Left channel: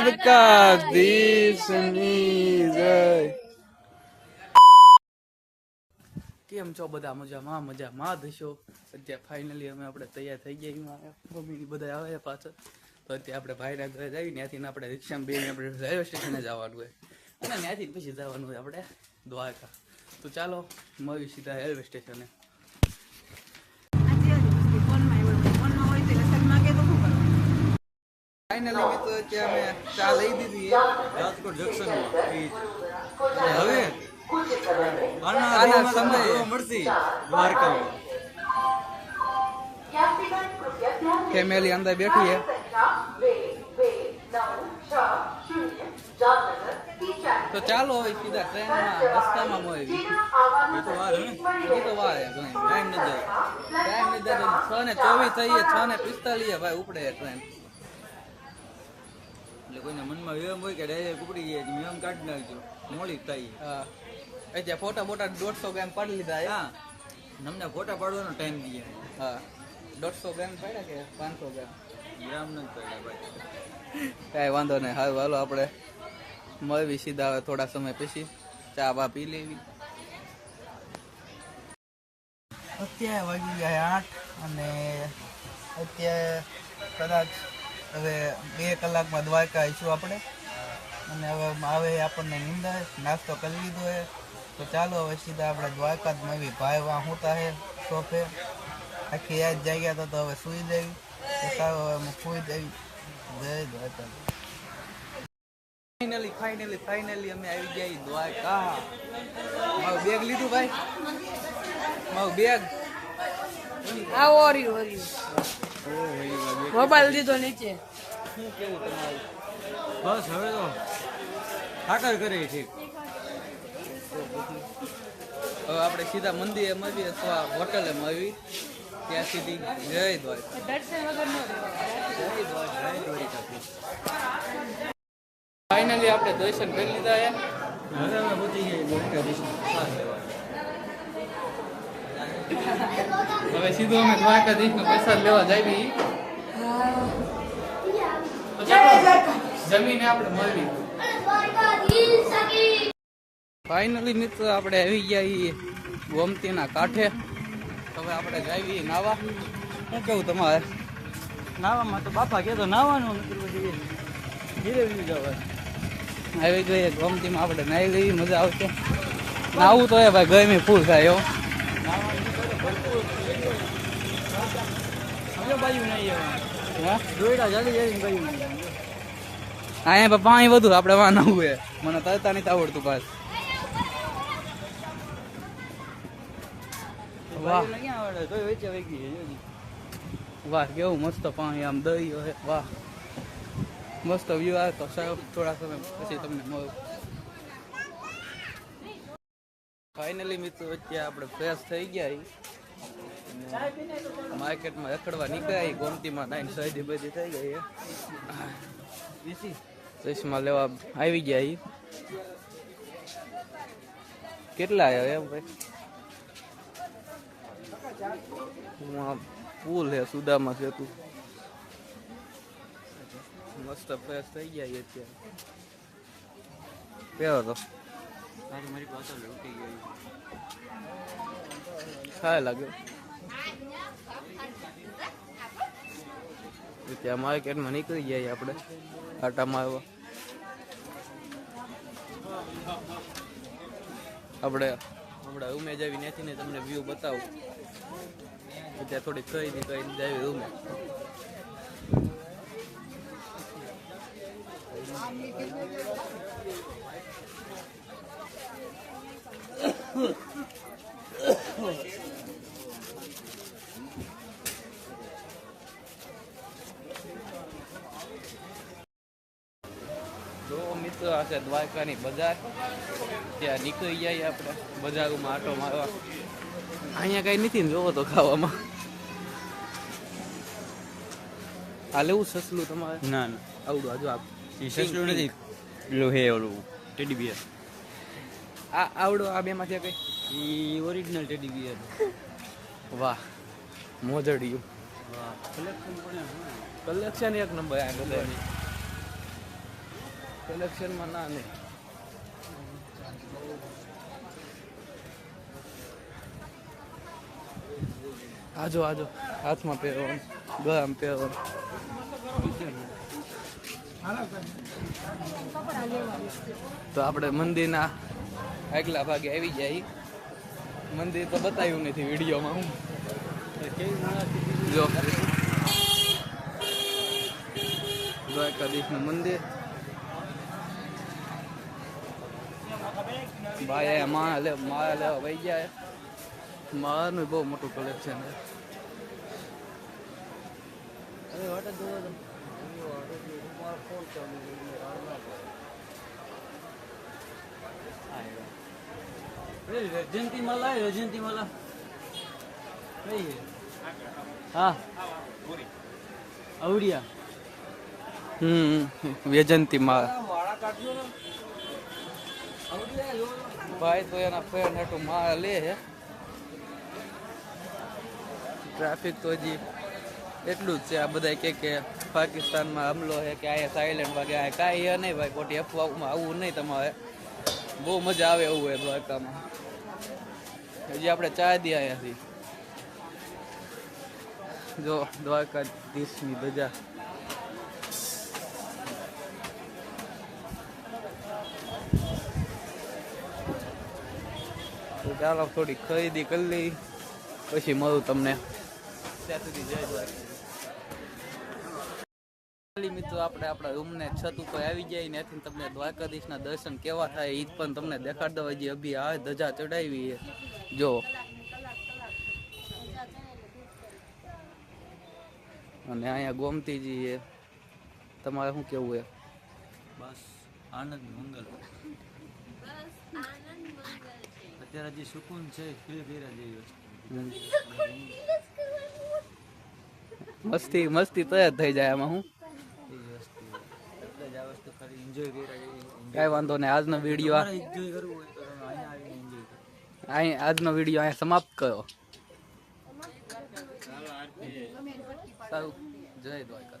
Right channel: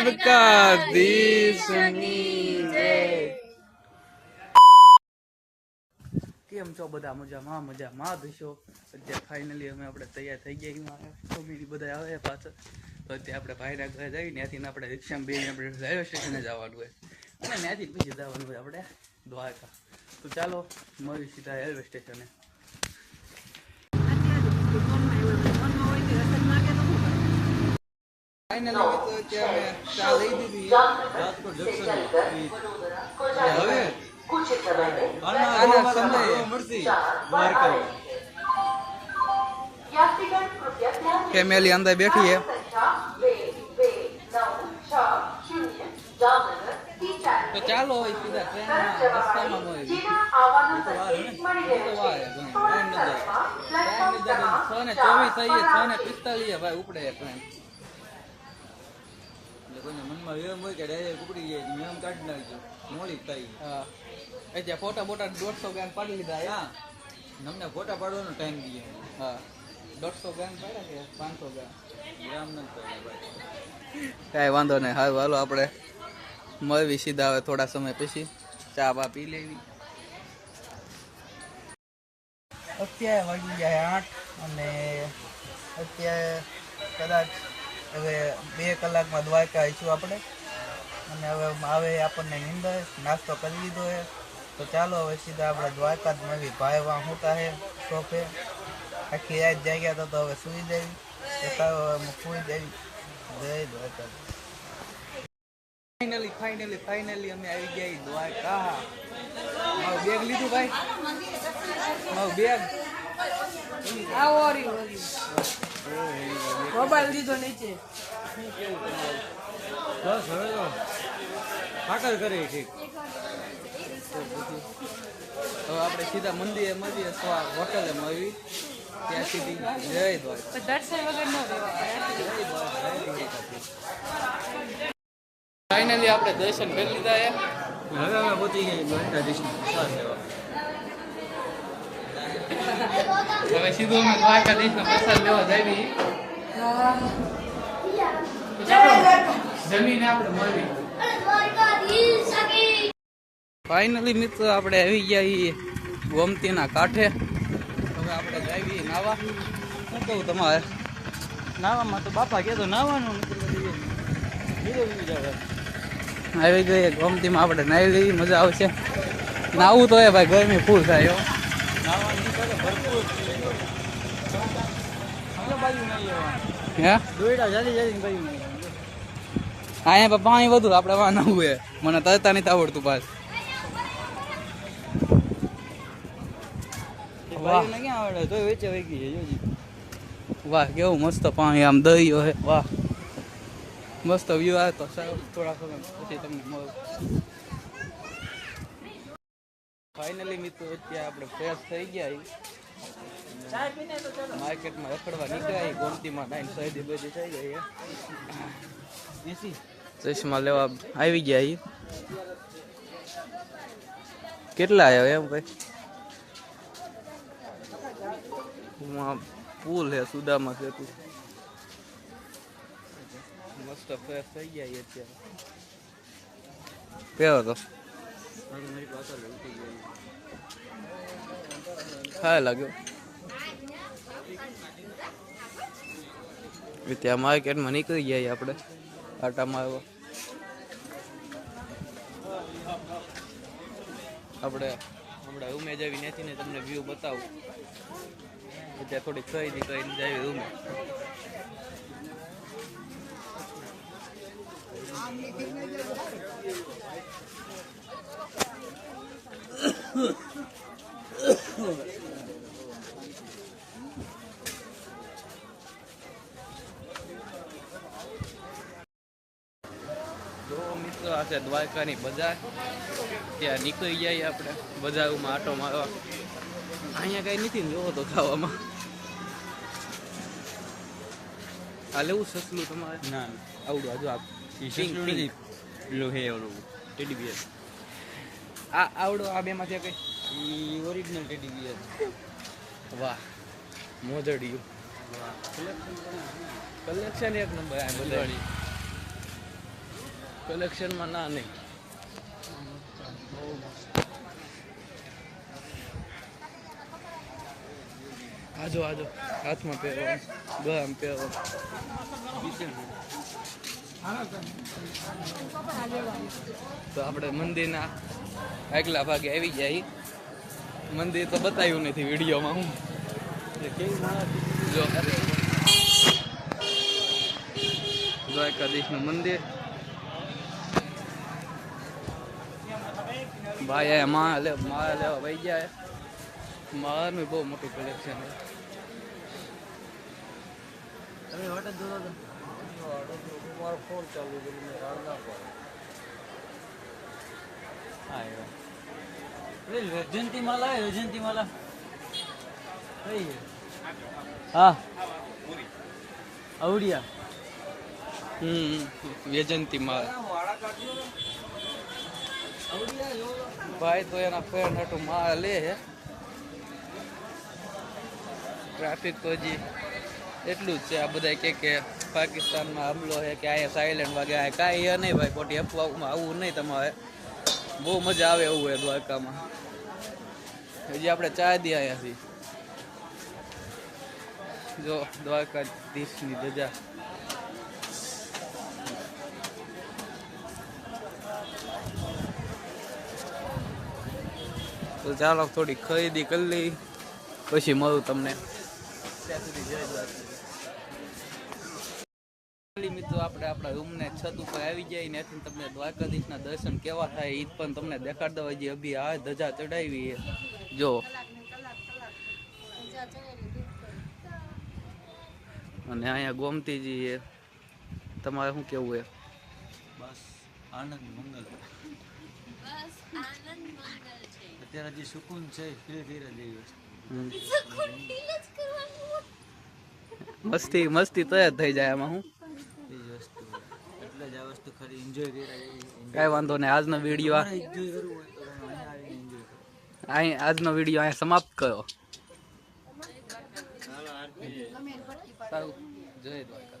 દ્વારકાધીશની જય. કેમ છો બધા? મજામાં મજામાં. દશો અત્યારે ફાઇનલી અમે આપણે તૈયાર થઈ ગયા મમ્મી બધા આવે પાછળ તો અત્યારે આપણે ભાઈના ઘરે જઈ ત્યાંથી આપણે રિક્ષામાં બેને આપણે રેલવે સ્ટેશને જવાનું હોય. અને ત્યાંથી પછી જવાનું હોય આપણે દ્વારકા. તો ચાલો મળ્યું સીધા રેલવે સ્ટેશને ફાઇનલી મિત્રો અત્યારે અમે ચા લઈ દીધી. રાજકોટ જંક્શન અને હવે? આના આના સમયે. મળતી દ્વારકા ફેમિલી અંદર બેઠી તો ચાલો સીધા ટ્રેનમાં રસ્તામાં મળી એ તો વાર એ તો વાર ટાઈમ નથી જાય ટાઈમ થતો. છ ને ચોવીસ થઈએ છ ને પિસ્તાલીસ ભાઈ ઉપડે ટ્રેન એટલે કોઈને મનમાં વિવેમ હોય કે ડાયરેક્ટ ઉપડી ગયા છે એમ કાઢી નાખજો મોડી થાય. હા. અત્યારે ફોટા બોટા દોઢસો ગ્રામ પાડી લીધા હા. મને ફોટા પાડવાનો ટાઈમ દઈએ હા. દોઢસો ગ્રામ પાડ્યા કે પાંચસો ગ્રામ? ગ્રામ પડ્યા ભાઈ. કાંઈ વાંધો નહીં. હાલ હાલો આપણે મળવી સીધા હવે થોડા સમય પછી. ચા બા પી લેવી. અત્યારે વાગી જાય આઠ અને અત્યારે કદાચ હવે બે કલાકમાં દ્વારકા આવીશું આપણે. અને હવે આવે આપણને નિંદા, નાસ્તો કરી લીધો છે. તો ચાલો હવે સીધા આપણે દ્વારકા જ નવી ભાઈ વાં હોતા હે સોફે આખી રાત જાગ્યા તો તો હવે સુઈ દેવી તો સારું હવે હું સુઈ દેવી જય દ્વારકા. ફાઇનલી ફાઇનલી ફાઇનલી અમે આવી ગયા દ્વારકા. મારું બેગ લીધું ભાઈ? મારું બેગ આવો રહ્યું મોબાઈલ દીધો નીચે. બસ હવે તો ખાતર કરે છે. હવે આપણે સીધા મંદિરે મળીએ અથવા હોટલે મળવી ત્યાં સુધી જય દ્વાર ફાઇનલી આપણે દર્શન કરી લીધા હવે અમે પહોંચી ગઈ દ્વારકાધીશની લેવા. હવે સીધું અમે દ્વારકાધીશનો પ્રસાદ લેવા જાવી જમીને આપણે મળી ફાઇનલી મિત્રો, આપણે આવી ગયા ગોમતીના કાંઠે. હવે આપણે જાવી નાવા. શું કેવું તમારે? નાવામાં તો બાપા કહેતો નાવાનું આવી ગઈ ગોમતીમાં, આપણે નાહી લઈએ, મજા આવશે. નાવું તો એ ભાઈ ગરમી ફૂલ થાય, હો. અહીંયા પણ વધુ આપણે વાં નવું હે મને તરતા નથી આવડતું પાસ. વાહ. વહી કેવું મસ્ત પાણી આમ દરિયો હે વાહ. મસ્ત વ્યૂ આવે તો થોડા સમય પછી તમને મળું. ફાઇનલી મિત્રો અત્યારે આપણે ફ્રેશ થઈ ગયા માર્કેટમાં રખડવા નીકળ્યા ગોમતીમાં નાઈન બધી થઈ ગઈ ચશ્મા લેવા આવી ગયા ઈ. કેટલા આવ્યા એમ ભાઈ પુલ હે સુદામા સેતુ. મસ્ત ફ્રેશ થઈ ગયા અત્યારે. કેવો તો. મારી પાસે ઉઠી ગયો. સારા લાગ્યો. ત્યાં માર્કેટમાં નીકળી ગયા આપણે. આટા મારવા આપણે હમણાં રૂમે જાવી ત્યાંથી ને તમને વ્યૂ બતાવું. ત્યાં થોડી ખરીદી કરીને જાય રૂમે તો મિત્રો આ છે દ્વારકાની બજાર. ત્યાં નીકળી જઈએ આપણે બજારમાં આટો મારવા. અહીંયા કંઈ નથી ને જોવો તો ખાવામાં. આ લેવું સસલું તમારે? ના આવડું હજુ આપ પેલું હે ઓલું ટેડી બિયર આ આવડો આ બેમાં માંથી કઈ? ઈ ઓરિજિનલ ટેડી બિયર વાહ. મોજડિયું. કલેક્શન એક નંબર આ બધાની. કલેક્શનમાં ના નહીં. આજો આજો. હાથમાં પહેરવાનું. ગળામાં પહેરવાનું. તો આપણે મંદિરના આગલા ભાગે આવી જાય. મંદિર તો બતાવ્યું નથી વિડીયોમાં હું. જો દ્વારકાધીશનું મંદિર. ભાઈ અહીંયા માળા લે માળા લેવા વહી જાય માળાનું બહુ મોટું કલેક્શન છે. માલા માળા માલા હા. આવડિયા. હમ વેજંતી માળા. ભાઈ તો એના ફ્રેન્ડ હાટું માં લે હે. ટ્રાફિક તો હજી એટલું જ છે. આ બધા કે કે પાકિસ્તાનમાં હમલો છે કે અહીંયા સાયલેન્ટ વાગે, આ કાંઈ એ નહીં ભાઈ, ખોટી અફવામાં આવવું નહીં તમારે. બહુ મજા આવે એવું હોય દ્વારકામાં. હજી આપણે ચા દી અહીંયાથી જો દ્વારકાધીશની ધજા. તો ચાલો થોડી ખરીદી કરી લઈ. પછી મળું તમને. ત્યાં સુધી જય દ્વારકા મિત્રો આપણે આપણા રૂમને છત ઉપર આવી જાય ને ત્યાંથી તમને દ્વારકાધીશના દર્શન કેવા થાય એ પણ તમને દેખાડ દો જે અભી આ ધજા ચડાવી જો. અને અહીંયા ગોમતીજી છે. તમારે શું કેવું છે? બસ આનંદ મંગલ. અત્યારે જે સુકૂન છે ફીલ કર્યા જેવી વસ્તુ. મસ્તી મસ્તી તો થઈ જાય આમાં હું? કાંઈ વાંધો નહીં આજનો વીડિયો એન્જોય કરવું હોય તો તમે અહીંયા આવીને એન્જોય કરો. અહીં આજનો વીડિયો અહીંયા સમાપ્ત કર્યો. સારું. જય દ્વારકા